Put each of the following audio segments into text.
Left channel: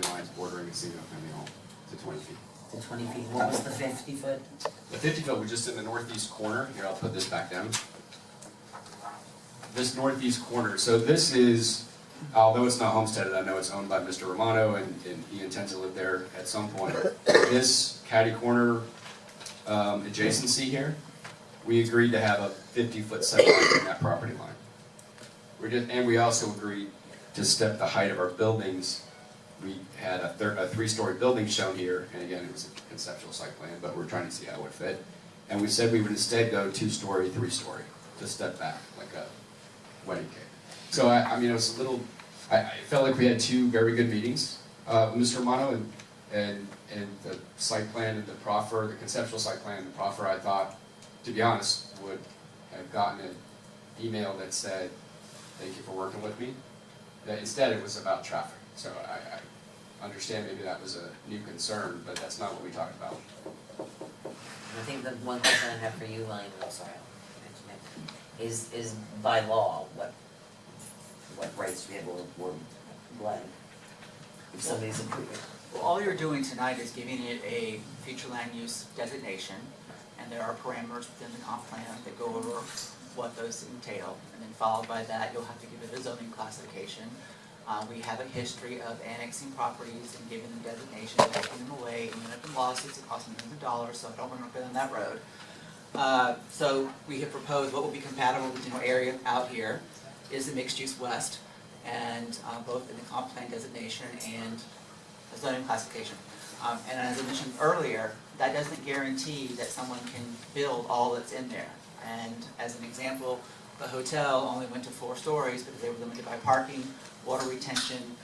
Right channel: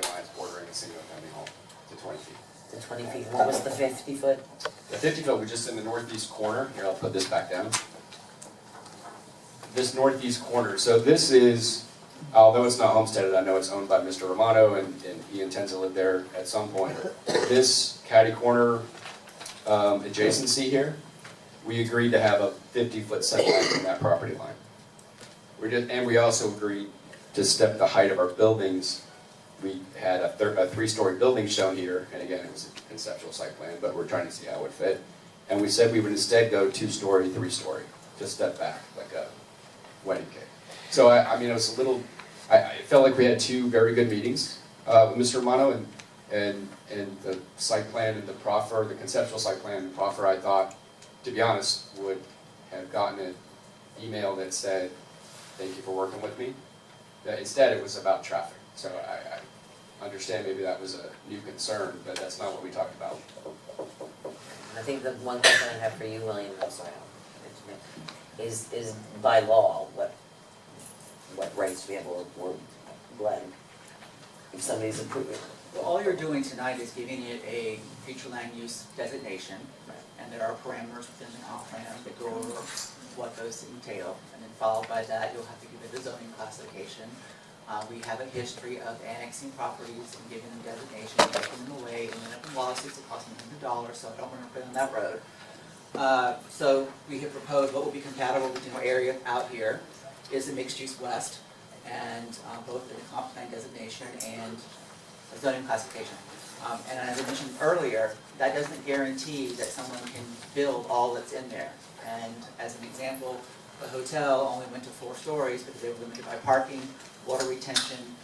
property lines bordering a single-family home to 20 feet. The 20 feet, what was the 50 foot? The 50 foot was just in the northeast corner. Here, I'll put this back down. This northeast corner. So this is, although it's not homesteaded, I know it's owned by Mr. Romano, and he intends to live there at some point. This catty corner adjacency here, we agreed to have a 50-foot setback from that property line. And we also agreed to step the height of our buildings. We had a 3-story building shown here, and again, it was a conceptual site plan, but we're trying to see how it would fit. And we said we would instead go 2-story, 3-story, to step back like a wedding cake. So I mean, it was a little. I felt like we had 2 very good meetings with Mr. Romano, and the site plan and the proffer, the conceptual site plan and the proffer, I thought, to be honest, would have gotten an email that said, "Thank you for working with me." Instead, it was about traffic. So I understand maybe that was a new concern, but that's not what we talked about. I think the one question I have for you, William, I'm sorry, I'll mention it, is by law, what rights do we have or Glenn, if somebody's approved? Well, all you're doing tonight is giving it a future land use designation, and there are parameters within the comp plan that go over what those entail, and then followed by that, you'll have to give it a zoning classification. We have a history of annexing properties and giving them designations, taking them away, ending up in lawsuits that cost millions of dollars, so I don't want to go down that road. So we have proposed what will be compatible with the area out here is a mixed-use west, and both in the comp plan designation and a zoning classification. And as I mentioned earlier, that doesn't guarantee that someone can build all that's in there. And as an example, the hotel only went to 4 stories because they were limited by parking, water retention.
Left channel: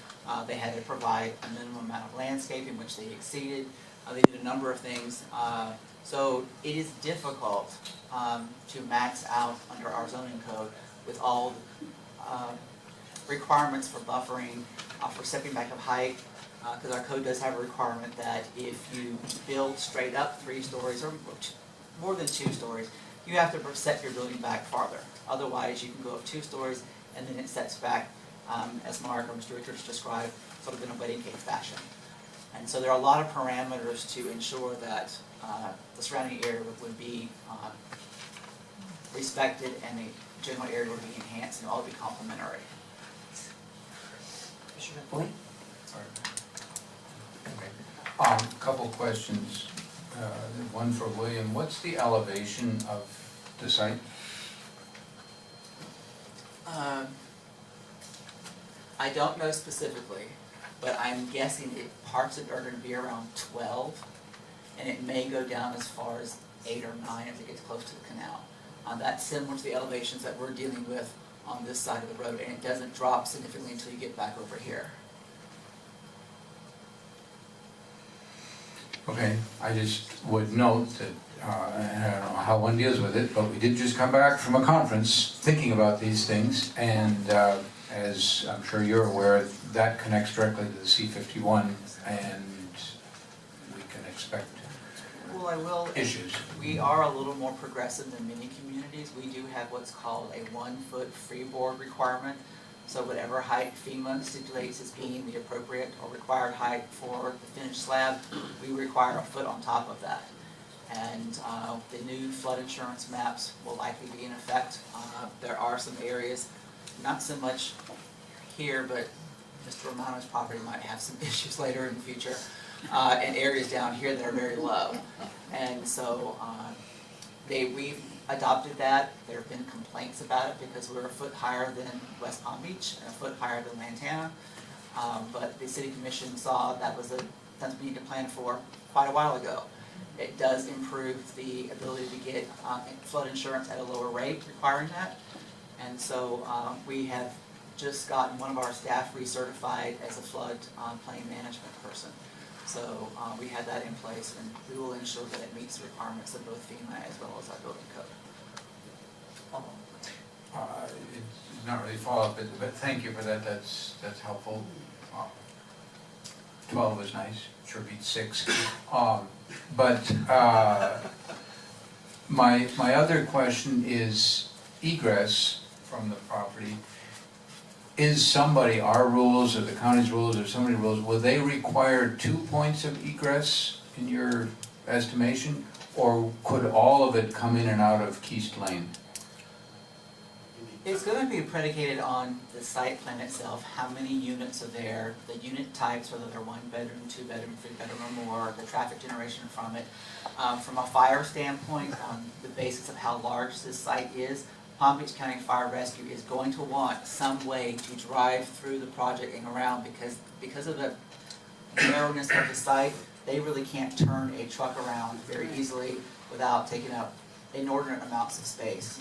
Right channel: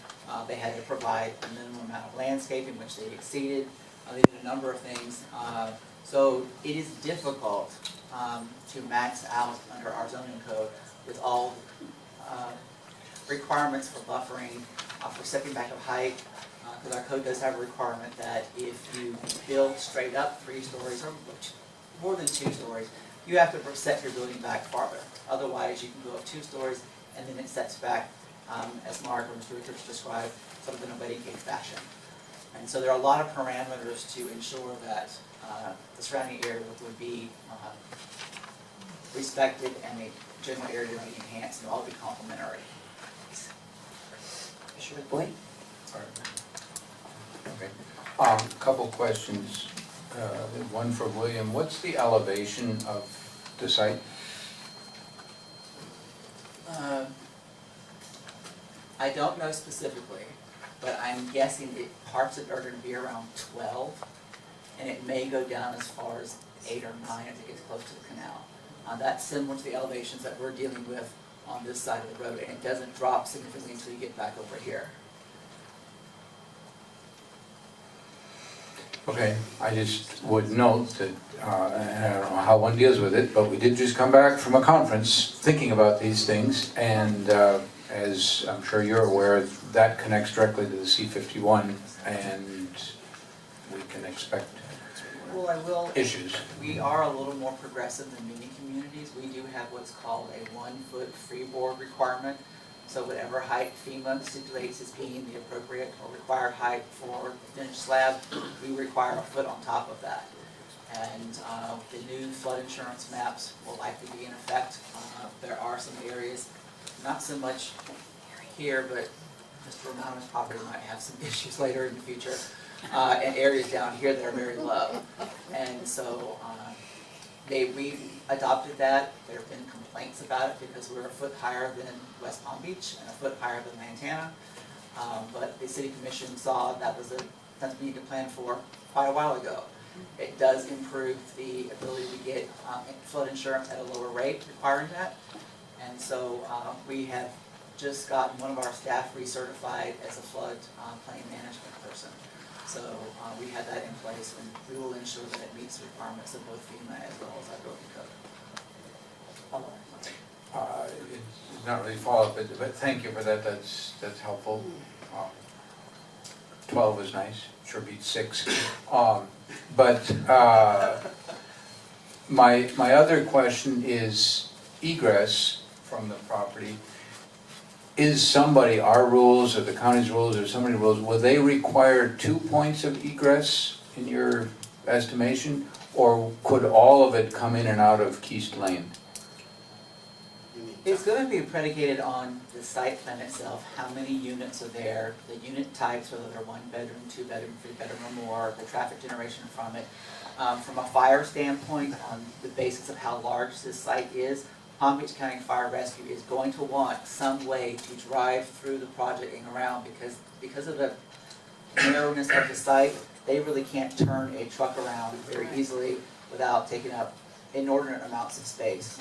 They had to provide a minimum amount of landscaping, which they exceeded. They did a number of things. So it is difficult to max out under our zoning code with all requirements for buffering, for stepping back of height, because our code does have a requirement that if you build straight up 3 stories or more than 2 stories, you have to set your building back farther. Otherwise, you can go up 2 stories and then it sets back, as Mark or Mr. Richards described, sort of in a wedding cake fashion. And so there are a lot of parameters to ensure that the surrounding area would be respected and the general area would be enhanced and all be complementary. Commissioner Boyd? Okay. Couple questions. One for William. What's the elevation of the site? I don't know specifically, but I'm guessing parts of it are going to be around 12, and it may go down as far as 8 or 9 as it gets close to the canal. That's similar to the elevations that we're dealing with on this side of the road, and it doesn't drop significantly until you get back over here. Okay, I just would note that, and I don't know how one deals with it, but we did just come back from a conference thinking about these things, and as I'm sure you're aware, that connects directly to the C-51, and we can expect Well, I will. issues. We are a little more progressive than many communities. We do have what's called a 1-foot freeboard requirement. So whatever height FEMA stipulates as being the appropriate or required height for the finished slab, we require a foot on top of that. And the new flood insurance maps will likely be in effect. There are some areas, not so much here, but Mr. Romano's property might have some issues later in the future, and areas down here that are very low. And so we've adopted that. There have been complaints about it because we're a foot higher than West Palm Beach and a foot higher than Lantana. But the City Commission saw that was something we need to plan for quite a while ago. It does improve the ability to get flood insurance at a lower rate requiring that. And so we have just gotten one of our staff recertified as a flood plain management person. So we have that in place, and we will ensure that it meets the requirements of both FEMA as well as our building code. It's not really follow-up, but thank you for that. That's helpful. 12 is nice. Sure beats 6. But my other question is egress from the property. is somebody, our rules or the county's rules or somebody's rules, will they require 2 points of egress in your estimation? Or could all of it come in and out of Keast Lane? It's gonna be predicated on the site plan itself, how many units are there, the unit types, whether they're 1 bedroom, 2 bedroom, 3 bedroom or more, the traffic generation from it. From a fire standpoint, on the basis of how large this site is, Palm Beach County Fire Rescue is going to want some way to drive through the project and around because of the narrowness of the site, they really can't turn a truck around very easily without taking up inordinate amounts of space.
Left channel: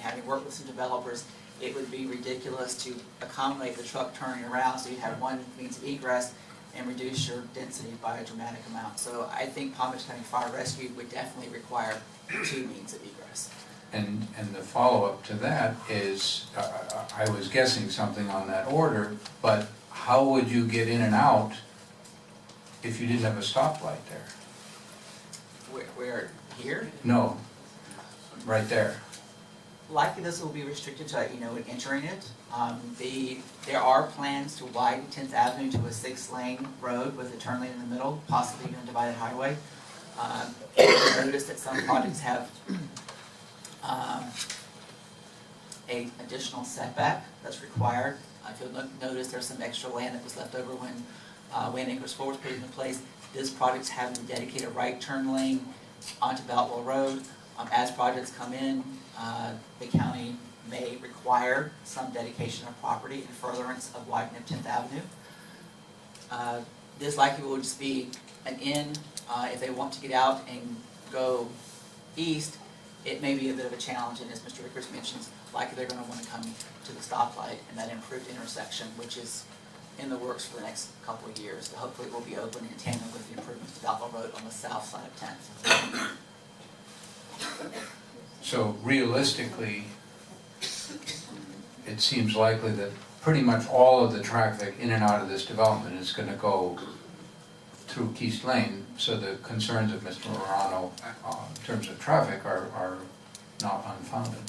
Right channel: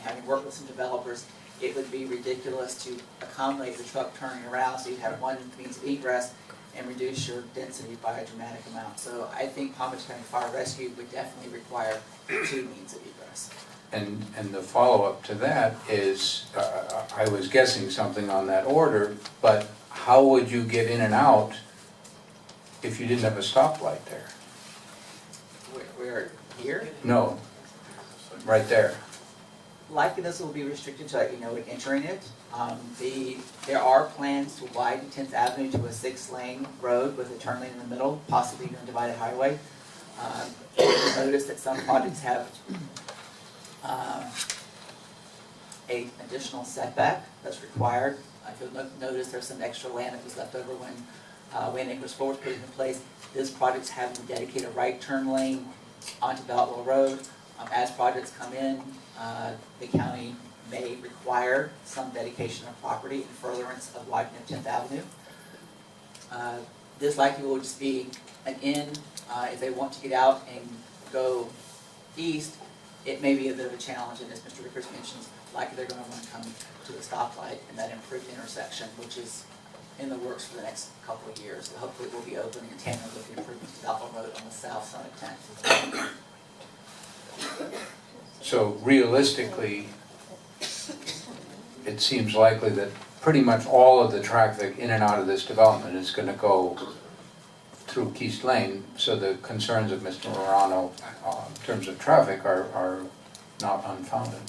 Having worked with some developers, it would be ridiculous to accommodate the truck turning around, so you'd have one means of egress and reduce your density by a dramatic amount. So I think Palm Beach County Fire Rescue would definitely require 2 means of egress. And the follow-up to that is, I was guessing something on that order, but how would you get in and out if you didn't have a stoplight there? Where here? No, right there. Likely this will be restricted to, entering it. There are plans to widen 10th Avenue to a 6-lane road with a turn lane in the middle, possibly even a divided highway. You'll notice that some projects have a additional setback that's required. If you'll notice, there's some extra land that was left over when Wayne Acres 4 was put into place. This project's having to dedicate a right turn lane onto Beltwell Road. As projects come in, the county may require some dedication of property in furtherance of widening of 10th Avenue. This likely will just be an in. If they want to get out and go east, it may be a bit of a challenge, and as Mr. Rickers mentions, likely they're going to want to come to the stoplight and that improved intersection, which is in the works for the next couple of years. Hopefully it will be open in tandem with the improvements to Beltwell Road on the south side of 10th. So realistically, it seems likely that pretty much all of the traffic in and out of this development is going to go through Keast Lane, so the concerns of Mr. Morano in terms of traffic are not unfounded.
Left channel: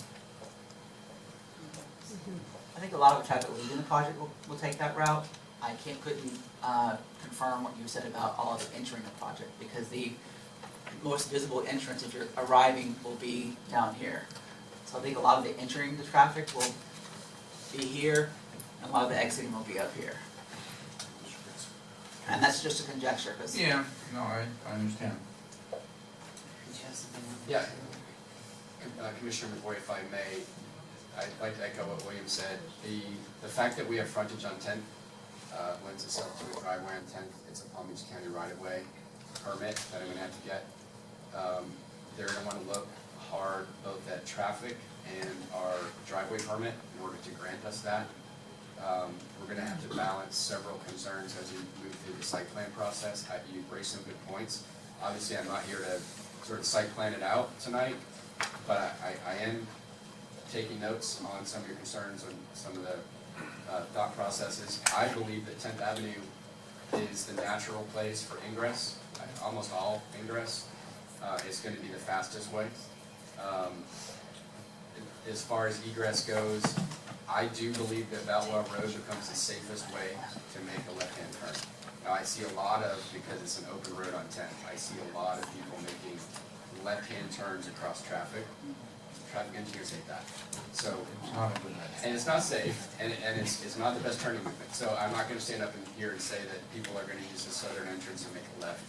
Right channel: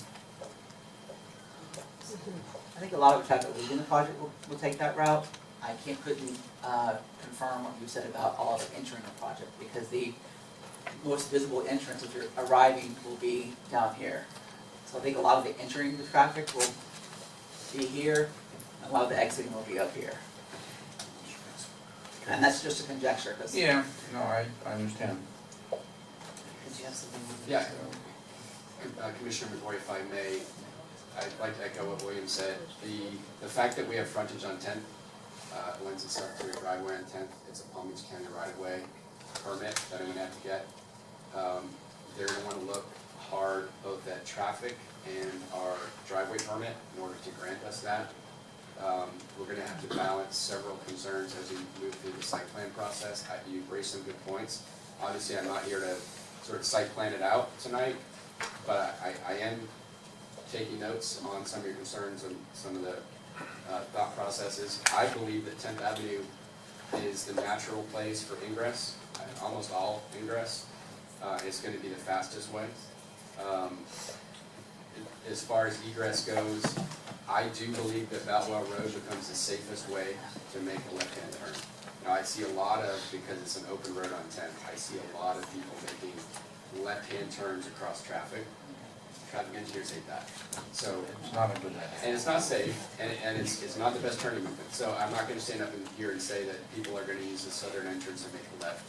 I think a lot of the traffic leaving the project will take that route. I couldn't confirm what you said about all of it entering the project, because the most visible entrance if you're arriving will be down here. So I think a lot of the entering the traffic will be here, and a lot of the exiting will be up here. And that's just a conjecture, because Yeah, no, I understand. Did you have something? Yeah. Commissioner McCoy, if I may, I'd like to echo what William said. The fact that we have frontage on 10th lends itself to a driveway on 10th. It's a Palm Beach County right-of-way permit that I'm going to have to get. They're going to want to look hard both at traffic and our driveway permit in order to grant us that. We're going to have to balance several concerns as we move through the site plan process. You raised some good points. Obviously, I'm not here to sort of site plan it out tonight, but I am taking notes on some of your concerns and some of the thought processes. I believe that 10th Avenue is the natural place for ingress, almost all ingress. It's going to be the fastest way. As far as egress goes, I do believe that Beltwell Road becomes the safest way to make a left-hand turn. Now, I see a lot of, because it's an open road on 10th, I see a lot of people making left-hand turns across traffic. Traffic engineers hate that. So, It's not a good idea. and it's not safe, and it's not the best turning movement. So I'm not going to stand up in here and say that people are going to use the southern entrance and make a left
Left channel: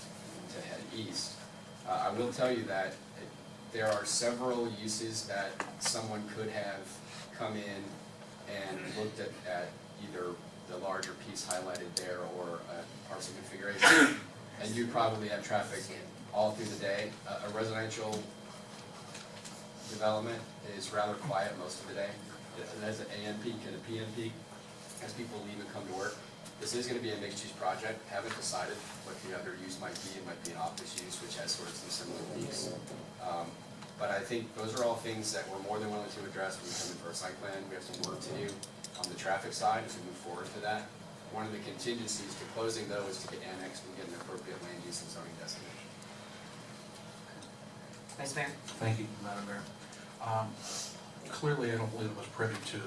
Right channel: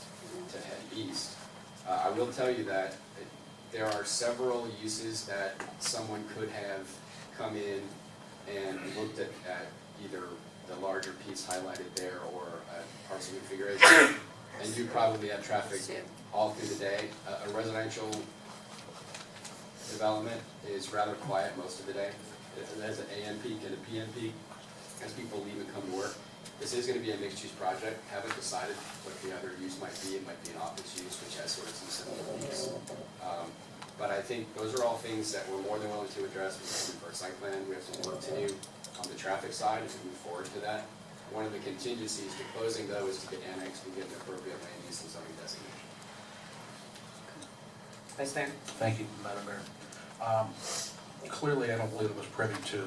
to head east. I will tell you that there are several uses that someone could have come in and looked at either the larger piece highlighted there or parcel configuration, and you probably have traffic all through the day. A residential development is rather quiet most of the day. There's an AM peak and a PM peak as people leave and come to work. This is going to be a mixed-use project. Haven't decided what the other use might be. It might be an office use, which has sort of some similar peaks. But I think those are all things that we're more than willing to address when we come in for a site plan. We have some work to do on the traffic side as we move forward to that. One of the contingencies to closing, though, is to get annexed and get an appropriate land use and zoning designation. Vice Mayor? Thank you, Madam Mayor. Clearly, I don't believe it was privy to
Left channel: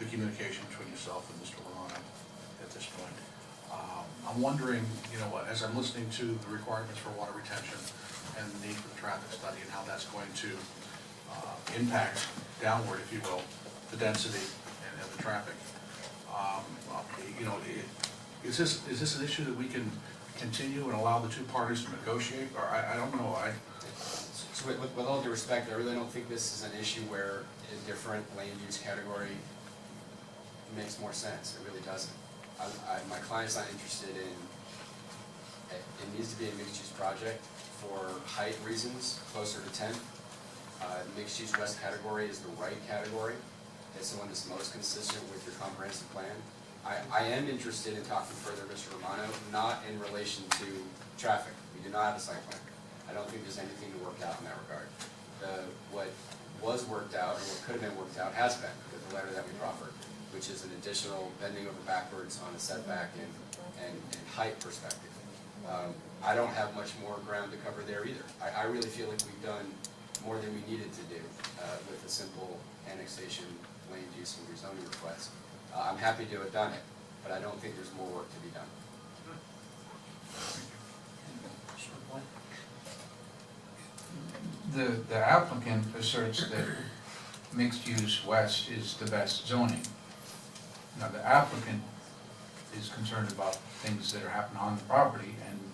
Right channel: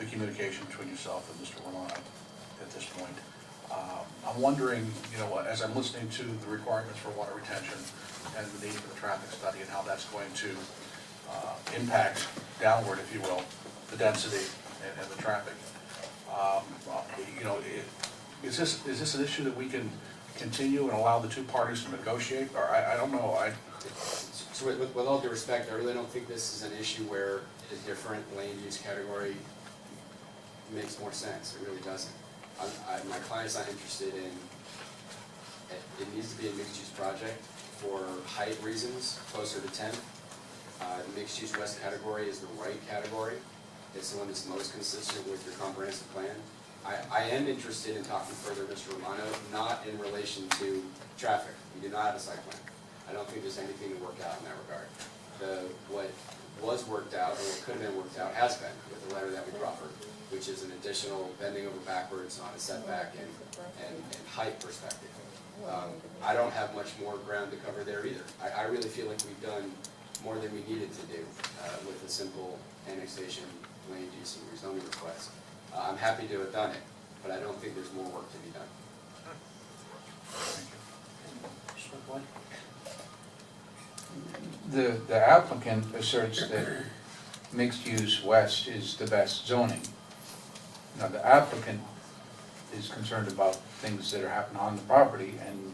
the communication between yourself and Mr. Romano at this point. I'm wondering, you know, as I'm listening to the requirements for water retention and the need for the traffic study and how that's going to impact downward, if you will, the density and the traffic. You know, is this an issue that we can continue and allow the two parties to negotiate? Or I don't know. So with all due respect, I really don't think this is an issue where a different land use category makes more sense. It really doesn't. My client's not interested in, it needs to be a mixed-use project for height reasons, closer to 10. The mixed-use west category is the right category. It's the one that's most consistent with your comprehensive plan. I am interested in talking further, Mr. Romano, not in relation to traffic. We do not have a site plan. I don't think there's anything to work out in that regard. What was worked out, or what could have been worked out, has been with the letter that we proffered, which is an additional bending over backwards on a setback and height perspective. I don't have much more ground to cover there either. I really feel like we've done more than we needed to do with a simple annexation, land use, and rezoning request. I'm happy to have done it, but I don't think there's more work to be done. The applicant asserts that mixed-use west is the best zoning. Now, the applicant is concerned about things that are happening on the property, and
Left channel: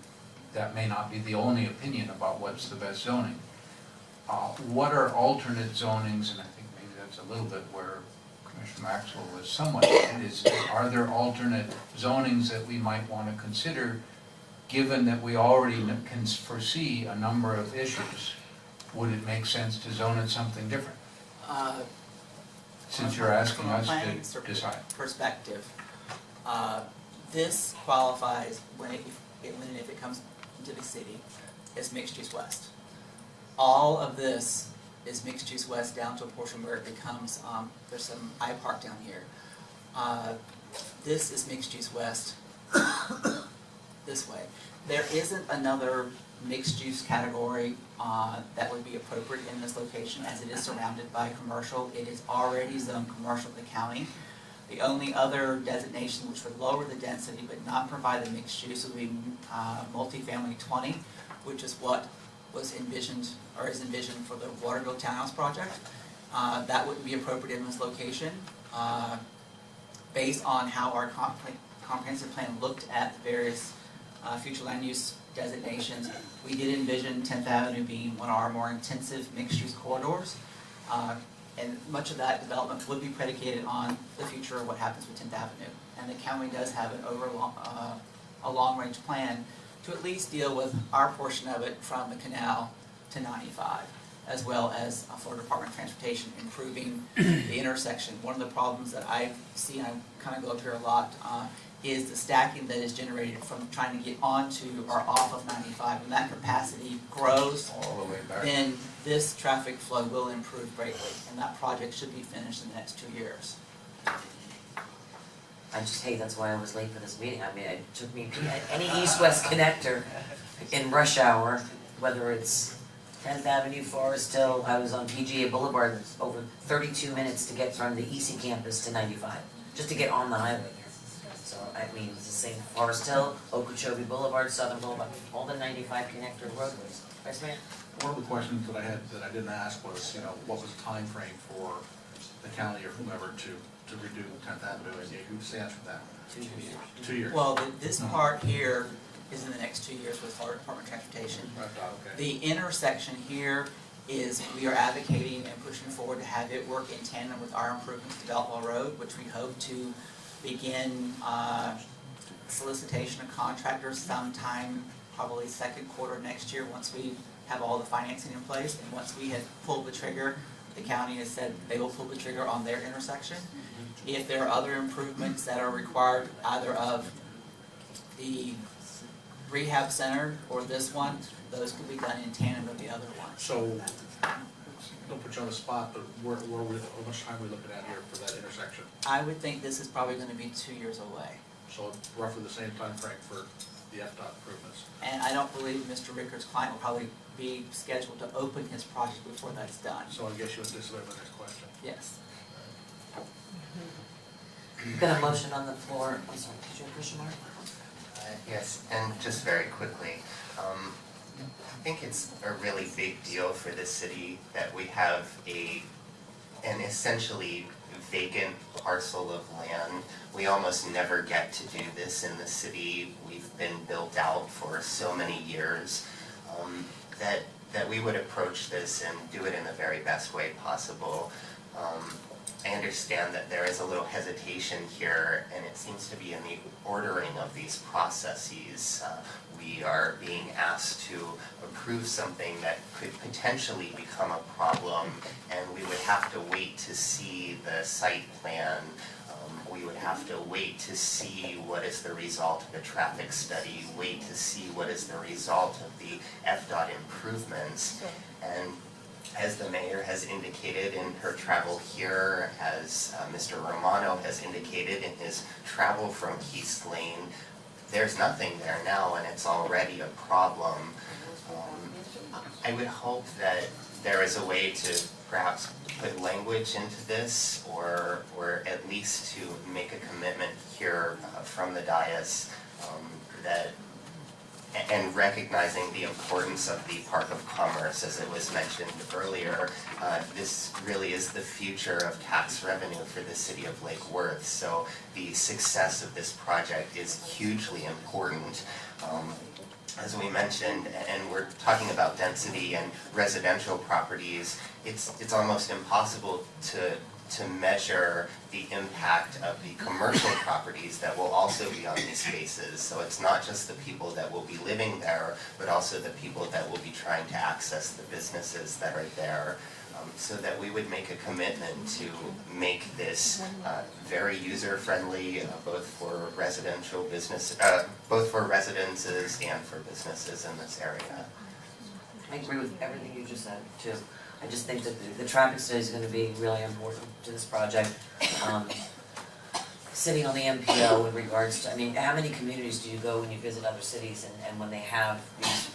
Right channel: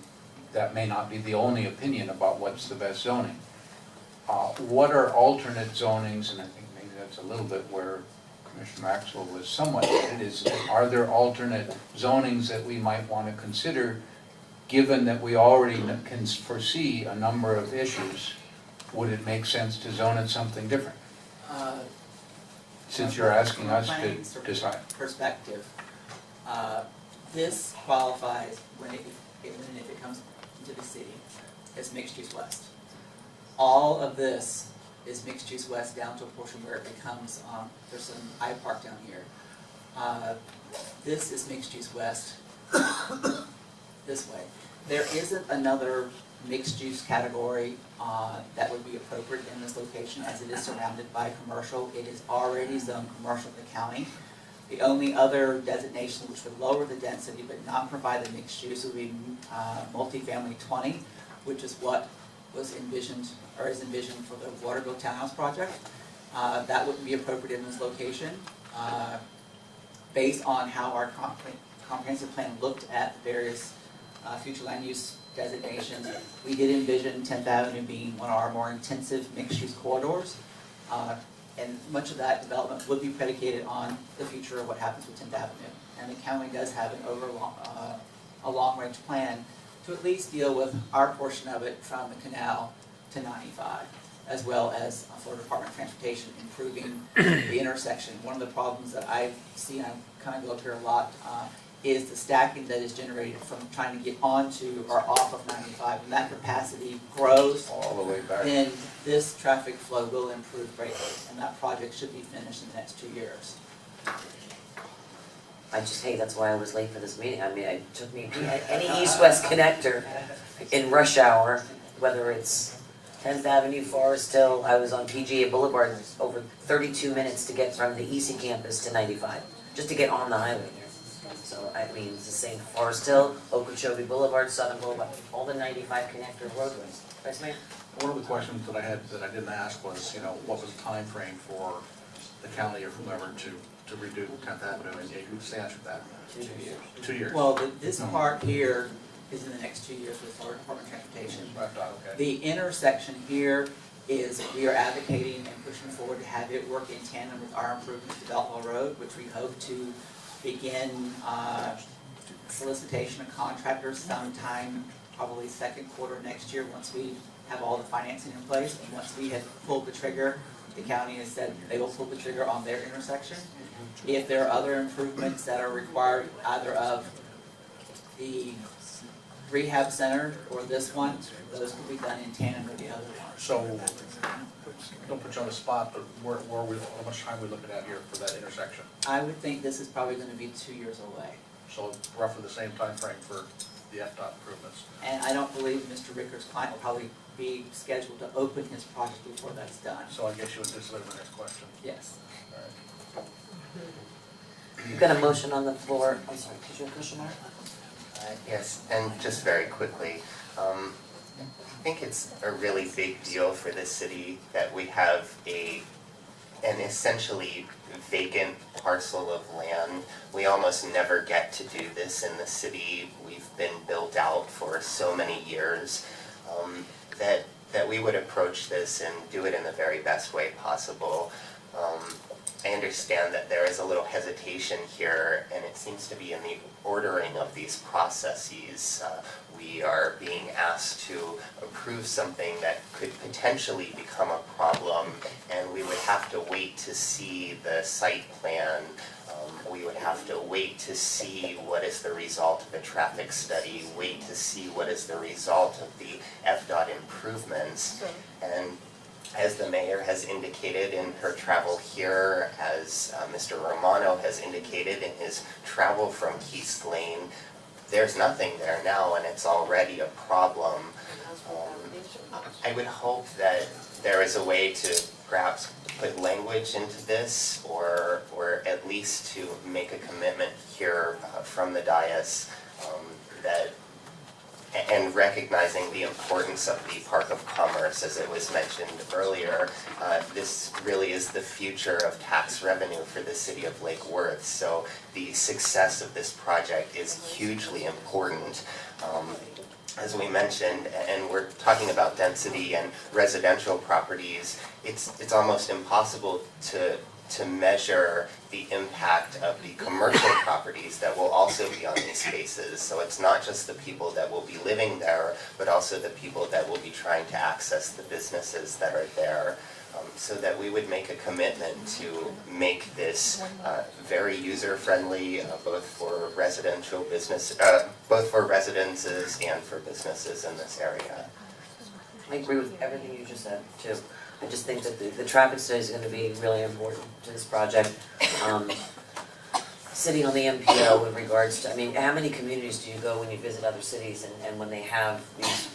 that may not be the only opinion about what's the best zoning. What are alternate zonings, and I think maybe that's a little bit where Commissioner Maxwell was somewhat headed, is are there alternate zonings that we might want to consider, given that we already can foresee a number of issues? Would it make sense to zone it something different? Since you're asking us to decide. Perspective, this qualifies when and if it comes into the city as mixed use west. All of this is mixed use west down to a portion where it becomes, there's some iPark down here. This is mixed use west this way. There isn't another mixed use category that would be appropriate in this location, as it is surrounded by commercial. It is already zoned commercial in the county. The only other designation which would lower the density but not provide the mixed use would be multifamily 20, which is what was envisioned or is envisioned for the Waterville Townhouse project. That wouldn't be appropriate in this location. Based on how our comprehensive plan looked at the various future land use designations, we did envision 10th Avenue being one of our more intensive mixed-use corridors. And much of that development would be predicated on the future of what happens with 10th Avenue. And the county does have a long-range plan to at least deal with our portion of it from the canal to 95, as well as Florida Department of Transportation improving the intersection. One of the problems that I see, and I kind of go up here a lot, is the stacking that is generated from trying to get onto or off of 95. When that capacity grows, All the way back. then this traffic flow will improve greatly, and that project should be finished in the next 2 years. I just hate, that's why I was late for this meeting. I mean, it took me, any east-west connector in rush hour, whether it's 10th Avenue, Forest Hill, I was on PGA Boulevard, over 32 minutes to get from the EC campus to 95, just to get on the highway. So, I mean, it's the same Forest Hill, Okeechobee Boulevard, Southern Boulevard, all the 95 connector roadways. Vice Mayor? One of the questions that I had that I didn't ask was, you know, what was the time frame for the county or whomever to redo 10th Avenue? And who answered that? 2 years. 2 years. Well, this part here is in the next 2 years with Florida Department of Transportation. Okay. The intersection here is, we are advocating and pushing forward to have it work in tandem with our improvements to Beltwell Road, which we hope to begin solicitation of contractors sometime probably second quarter next year, once we have all the financing in place. And once we have pulled the trigger, the county has said they will pull the trigger on their intersection. If there are other improvements that are required, either of the rehab center or this one, those can be done in tandem with the other one. So, don't put you on the spot, but how much time are we looking at here for that intersection? I would think this is probably going to be 2 years away. So roughly the same time frame for the FDOT improvements. And I don't believe Mr. Ricker's client will probably be scheduled to open his project before that's done. So I guess you would disregard my next question. Yes. All right. We've got a motion on the floor. I'm sorry, did you have a question, Mark? Yes, and just very quickly, I think it's a really big deal for the city that we have an essentially vacant parcel of land. We almost never get to do this in the city. We've been built out for so many years, that we would approach this and do it in the very best way possible. I understand that there is a little hesitation here, and it seems to be in the ordering of these processes. We are being asked to approve something that could potentially become a problem, and we would have to wait to see the site plan. We would have to wait to see what is the result of the traffic study, wait to see what is the result of the FDOT improvements. And as the mayor has indicated in her travel here, as Mr. Romano has indicated in his travel from Keith's Lane, there's nothing there now and it's already a problem. I would hope that there is a way to perhaps put language into this, or at least to make a commitment here from the dais that, and recognizing the importance of the Park of Commerce, as it was mentioned earlier, this really is the future of tax revenue for the city of Lake Worth. So the success of this project is hugely important. As we mentioned, and we're talking about density and residential properties, it's almost impossible to measure the impact of the commercial properties that will also be on these spaces. So it's not just the people that will be living there, but also the people that will be trying to access the businesses that are there. So that we would make a commitment to make this very user-friendly, both for residential business, both for residences and for businesses in this area. I agree with everything you just said, too. I just think that the traffic study is gonna be really important to this project. Sitting on the MPO in regards to, I mean, how many communities do you go when you visit other cities and when they have these,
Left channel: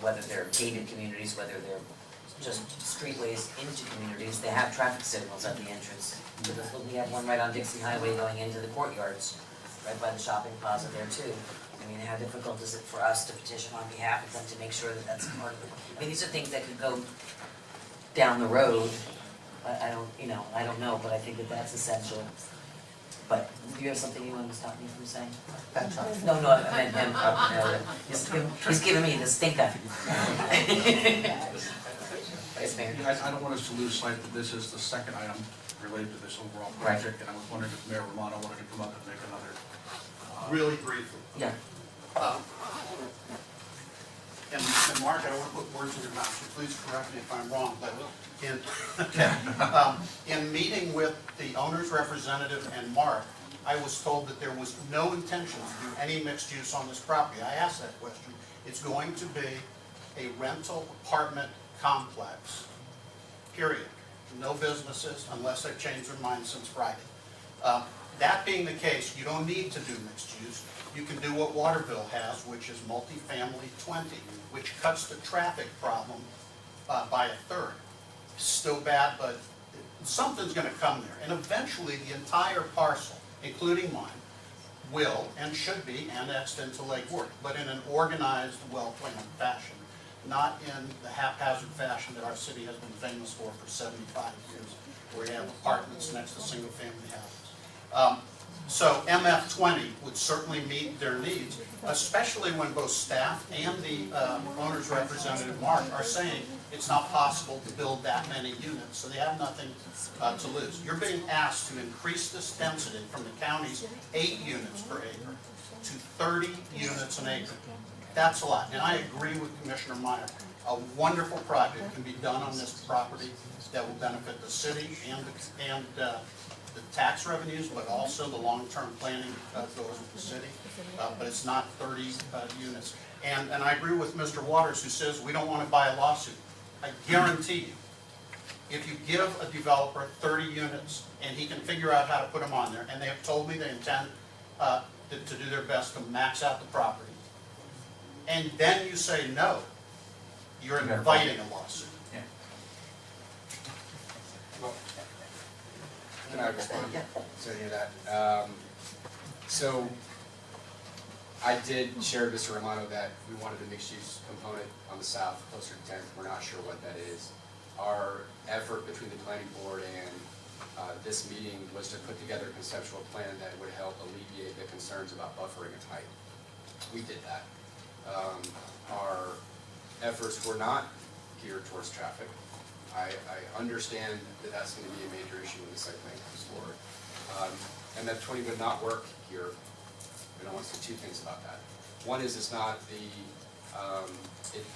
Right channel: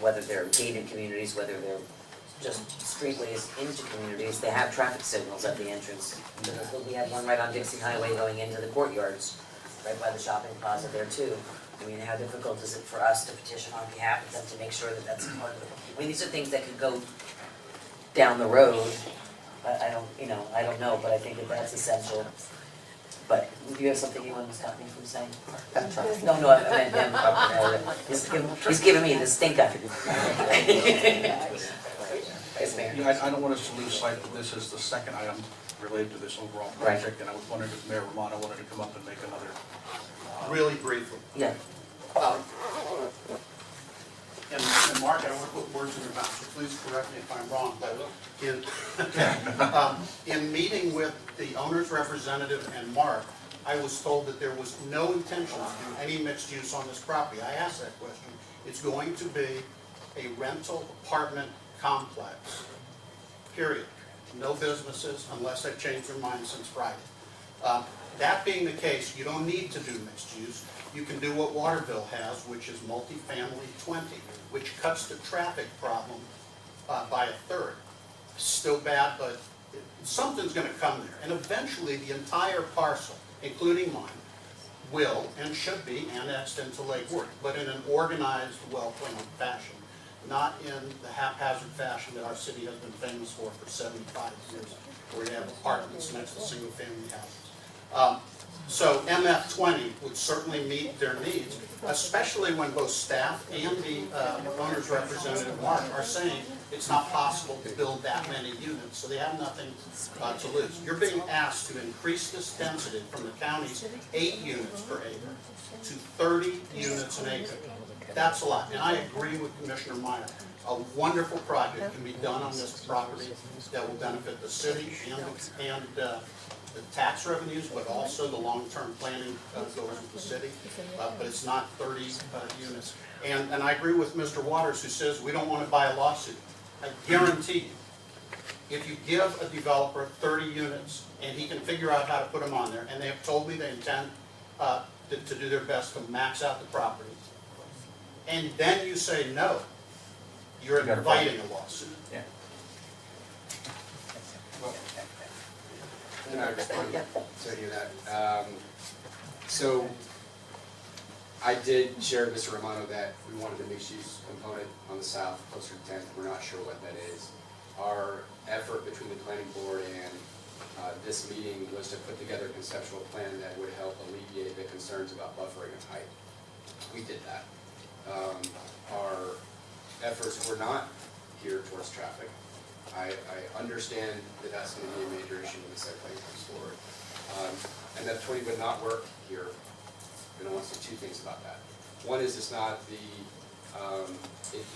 whether they're gated communities, whether they're just streetways into communities, they have traffic signals at the entrance. We had one right on Dixie Highway going into the courtyards, right by the shopping plaza there too. I mean, how difficult is it for us to petition on behalf of them to make sure that that's part of it? I mean, these are things that could go down the road, but I don't know, but I think that that's essential. But do you have something you want to stop me from saying? That's all. No, I meant him. He's giving me the stink eye. Yes, Mayor. Yeah, I don't want us to lose sight that this is the second item related to this overall project, and I was wondering if Mayor Romano wanted to come up and make another. Really briefly. Yeah. And Mark, I don't want to put words in your mouth, so please correct me if I'm wrong, but in meeting with the owner's representative and Mark, I was told that there was no intention to do any mixed use on this property. I asked that question. It's going to be a rental apartment complex, period. No businesses unless they've changed their mind since Friday. That being the case, you don't need to do mixed use. You can do what Waterville has, which is multifamily 20, which cuts the traffic problem by a third. Still bad, but something's going to come there. And eventually the entire parcel, including mine, will and should be annexed into Lake Worth, but in an organized, well-planned fashion, not in the haphazard fashion that our city has been famous for 75 years, where you have apartments next to single-family houses. So MF20 would certainly meet their needs, especially when both staff and the owner's representative, Mark, are saying it's not possible to build that many units, so they have nothing to lose. You're being asked to increase this density from the county's 8 units per acre to 30 units an acre. That's a lot, and I agree with Commissioner Meyer. A wonderful project can be done on this property that will benefit the city and the tax revenues, but also the long-term planning goes with the city. But it's not 30 units. And I agree with Mr. Waters, who says we don't want to buy a lawsuit. I guarantee you, if you give a developer 30 units and he can figure out how to put them on there, and they have told me they intend to do their best to max out the property, and then you say no, you're inviting a lawsuit. Yeah. Can I respond Yeah. to any of that? So, I did share with Mr. Romano that we wanted a mixed-use component on the south, closer to 10th. We're not sure what that is. Our effort between the planning board and this meeting was to put together a conceptual plan that would help alleviate the concerns about buffering and height. We did that. Our efforts were not geared towards traffic. I understand that that's going to be a major issue when the site plan comes forward. And that 20 would not work here. And I want to say two things about that. One is it's not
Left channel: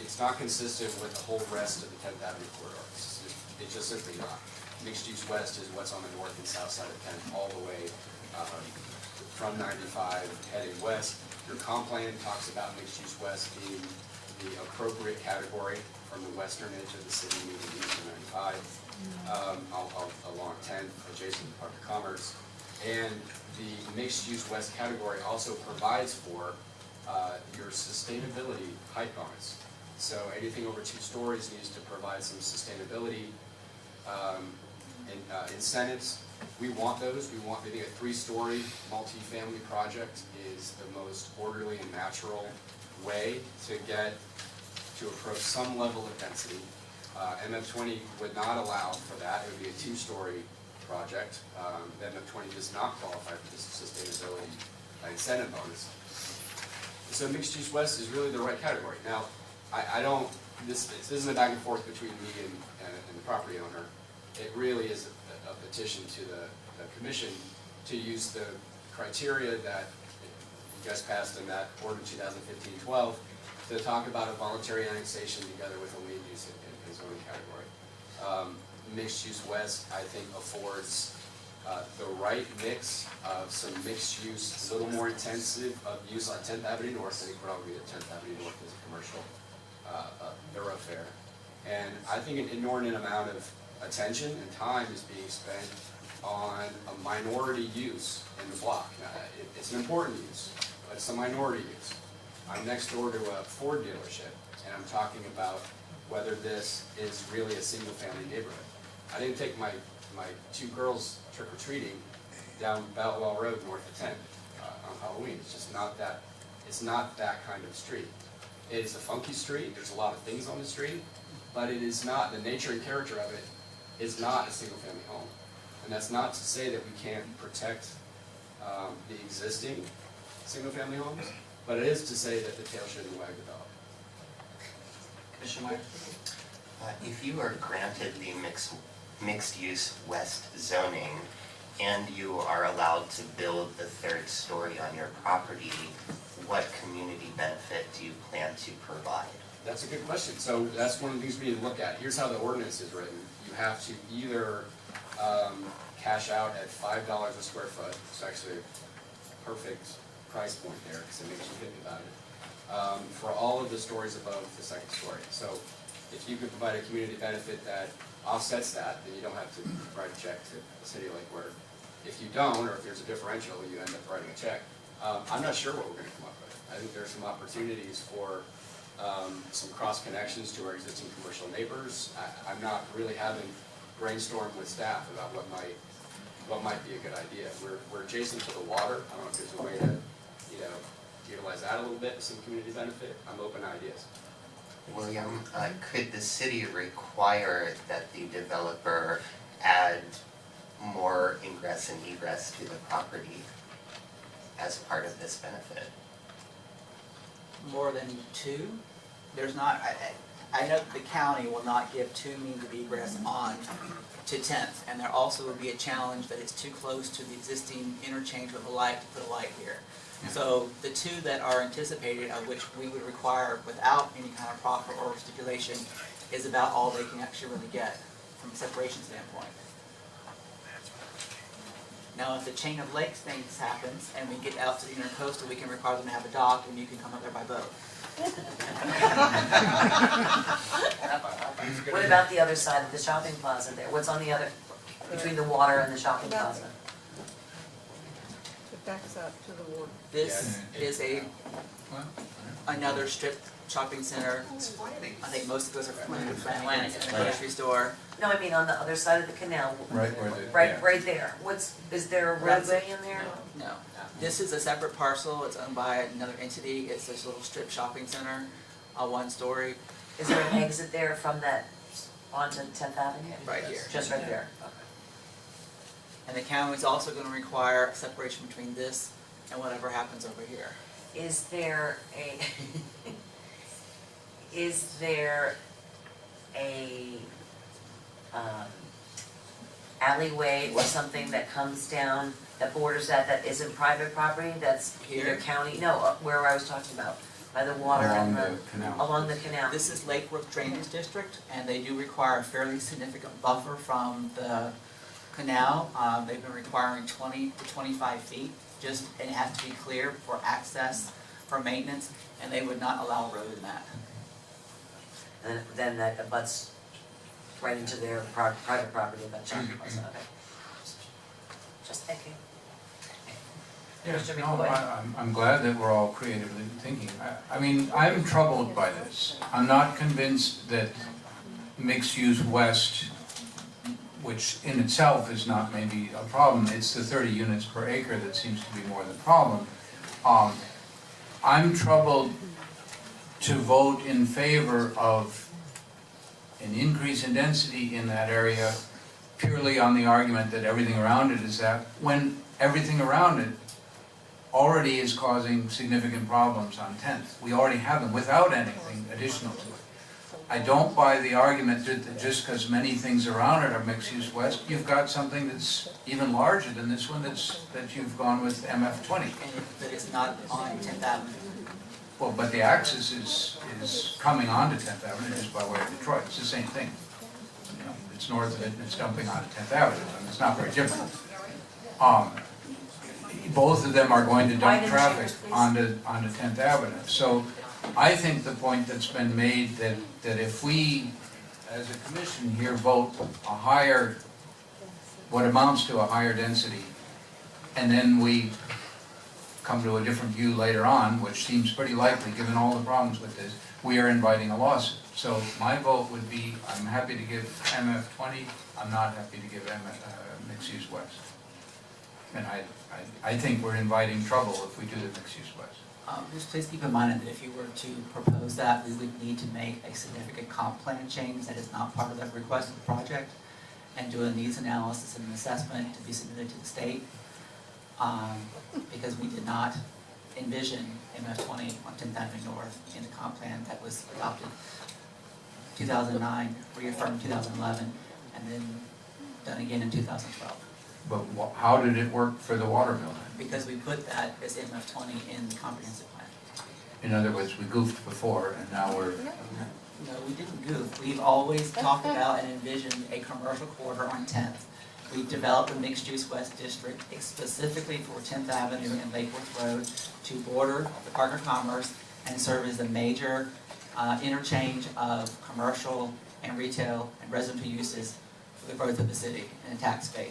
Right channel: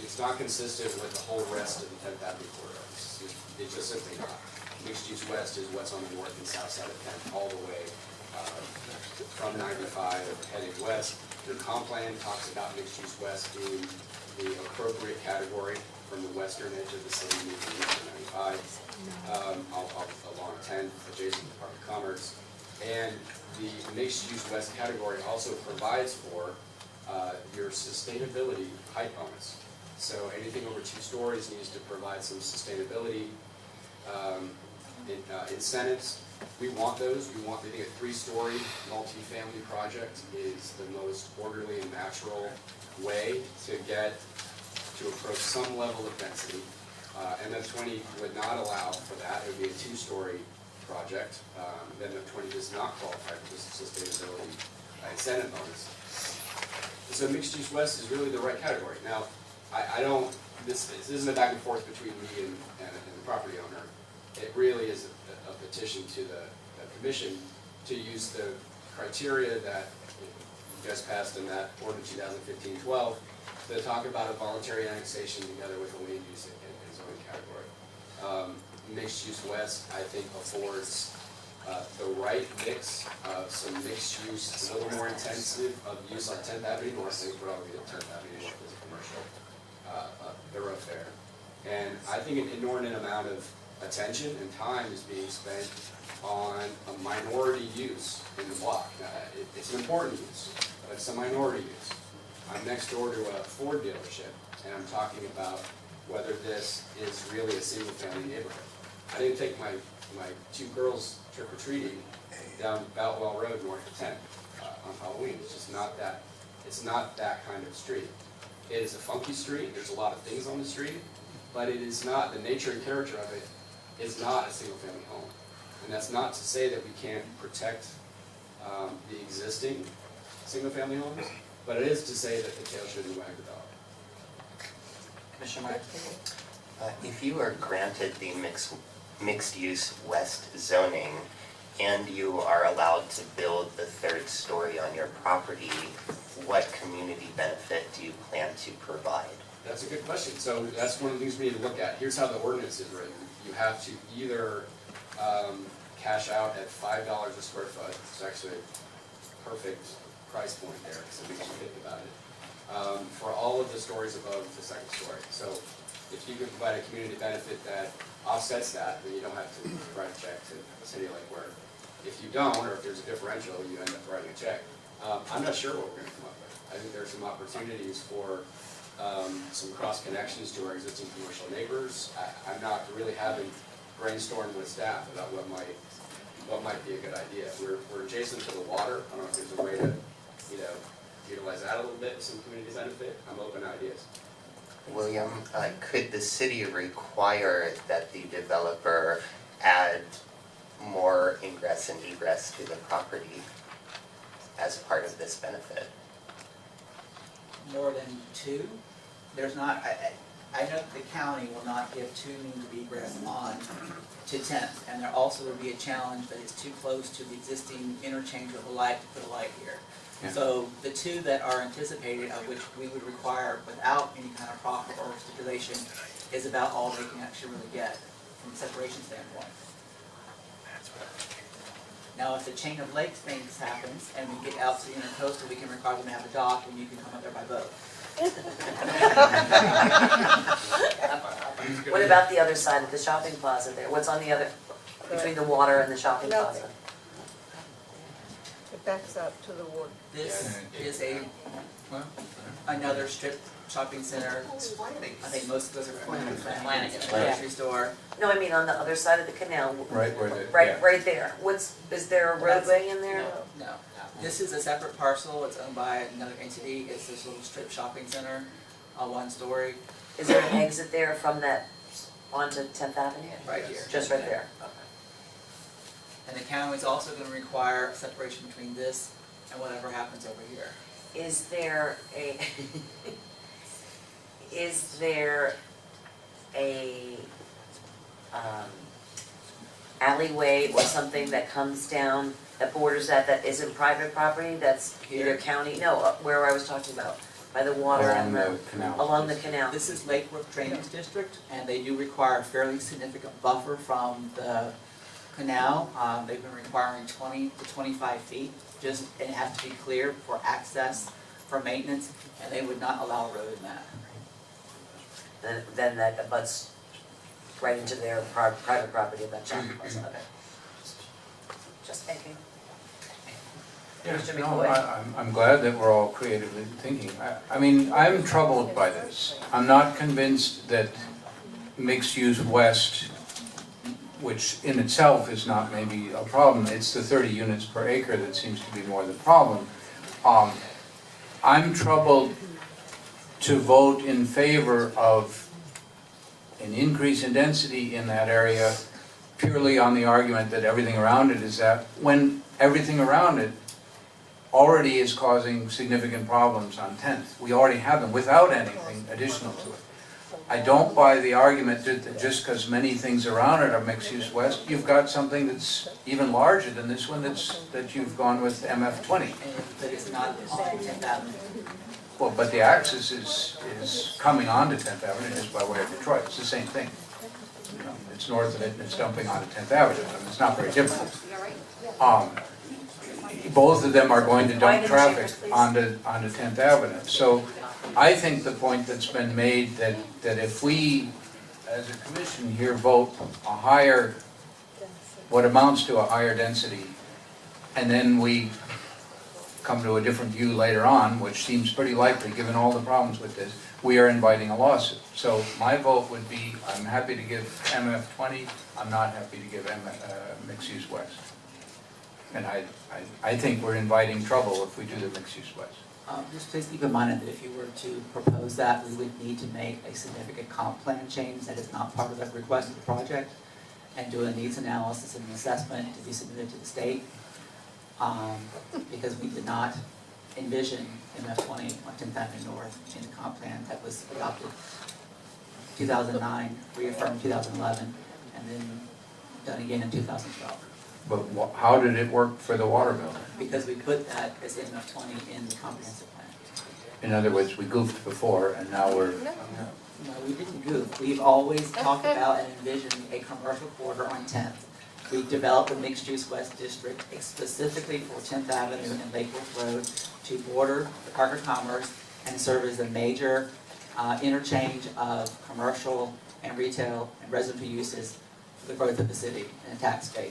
it's not consistent with the whole rest of the 10th Avenue corridor. It's just simply not. Mixed use west is what's on the north and south side of 10th, all the way from 95 heading west. Your comp plan talks about mixed use west being the appropriate category from the western edge of the city, moving east to 95, along 10th, adjacent to the Park of Commerce. And the mixed-use west category also provides for your sustainability height bonus. So anything over 2 stories needs to provide some sustainability incentives. We want those. We think a 3-story multifamily project is the most orderly and natural way to approach some level of density. And the 20 would not allow for that. It would be a 2-story project. Then the 20 does not qualify for this sustainability incentive bonus. So mixed use west is really the right category. Now, this isn't a back and forth between me and the property owner. It really is a petition to the commission to use the criteria that you guys passed in that ordinance 2015-12 to talk about a voluntary annexation together with a land use and zoning category. Mixed use west, I think, affords the right mix of some mixed use, a little more intensive of use on 10th Avenue North. I think we're all be at 10th Avenue North as a commercial thoroughfare. And I think an inordinate amount of attention and time is being spent on a minority use in the block. It's an important use, but it's a minority use. I'm next door to a Ford dealership, and I'm talking about whether this is really a single-family neighborhood. I didn't take my 2 girls trick-or-treating down Boutwell Road north of 10th on Halloween. It's just not that, it's not that kind of street. It is a funky street, there's a lot of things on the street, but it is not, the nature and character of it is not a single-family home. And that's not to say that we can't protect the existing single-family homes, but it is to say that the tail shouldn't wag the dog. Commissioner Meyer? If you are granted the mixed-use west zoning and you are allowed to build the 3rd story on your property, what community benefit do you plan to provide? That's a good question. So that's one of the things we need to look at. Here's how the ordinance is written. You have to either cash out at $5 a square foot. It's actually a perfect price point there because it makes you think about it. For all of the stories above the 2nd story. So if you can provide a community benefit that offsets that, then you don't have to write a check to City of Lake Worth. If you don't, or if there's a differential, you end up writing a check. I'm not sure what we're going to come up with. I think there's some opportunities for some cross connections to our existing commercial neighbors. I'm not really having brainstormed with staff about what might be a good idea. We're adjacent to the water. I don't know if there's a way to, utilize that a little bit with some community benefit. I'm open to ideas. William, could the city require that the developer add more ingress and egress to the property as part of this benefit? More than 2? There's not, I know that the county will not give 2 means of egress on to 10th, and there also would be a challenge that it's too close to the existing interchange with a light to put a light here. Yeah. So the 2 that are anticipated, of which we would require without any kind of proffer or stipulation, is about all they can actually really get from a separation standpoint. Now, if the chain of lakes things happens and we get out to the intercoastal, we can require them to have a dock and you can come up there by boat. What about the other side of the shopping plaza there? What's on the other, between the water and the shopping plaza? It backs up to the water. This is a, Well, another strip shopping center. I think most of those are Flanagan's and a Flanagan's. grocery store. No, I mean on the other side of the canal. Right where the- Right, yeah. right there. Is there a roadway in there? No, this is a separate parcel, it's owned by another entity, it's this little strip shopping center, one story, Is there an exit there from that onto 10th Avenue? right here. Just right there? And the county is also gonna require a separation between this and whatever happens over here. Is there a, is there a, alleyway or something that comes down, that borders that isn't private property, that's either Here? county, no, where I was talking about, by the water Along and the canal. along the canal? This is Lake Worth Drainage District, and they do require a fairly significant buffer from the canal. They've been requiring 20 to 25 feet, just, it has to be clear for access, for maintenance, and they would not allow a road in that. Then that abuts right into their private property of that shopping place, okay. Just thinking. Yes, Mr. no, McCoy. I'm glad that we're all creatively thinking. I mean, I'm troubled by this. I'm not convinced that mixed-use west, which in itself is not maybe a problem, it's the 30 units per acre that seems to be more the problem. I'm troubled to vote in favor of an increase in density in that area purely on the argument that everything around it is that, when everything around it already is causing significant problems on 10th. We already have them without anything additional to it. I don't buy the argument that just because many things around it are mixed-use west, you've got something that's even larger than this one that you've gone with MF20. But it's not on 10th Avenue. Well, but the axis is coming onto 10th Avenue just by way of Detroit. It's the same thing. You know, it's north of it and it's dumping onto 10th Avenue. I mean, it's not very different. Both of them are going to dump traffic onto 10th Avenue. So I think the point that's been made that if we, as a commission here, vote a higher, what amounts to a higher density, and then we come to a different view later on, which seems pretty likely given all the problems with this, we are inviting a lawsuit. So my vote would be, I'm happy to give MF20, I'm not happy to give mixed-use west. And I think we're inviting trouble if we do the mixed-use west. Just please keep in mind that if you were to propose that, we would need to make a significant comp plan change that is not part of the request of the project, and do a needs analysis and an assessment to be submitted to the state. Because we did not envision MF20 on 10th Avenue North in the comp plan that was adopted 2009, reaffirmed 2011, and then done again in 2012. But how did it work for the water bill? Because we put that as MF20 in the comprehensive plan. In other words, we goofed before and now we're... No, we didn't goof. We've always talked about and envisioned a commercial corridor on 10th. We've developed a mixed-use west district specifically for 10th Avenue and Lake Worth Road to border the Park of Commerce and serve as a major interchange of commercial and retail and residential uses for the growth of the city and tax base.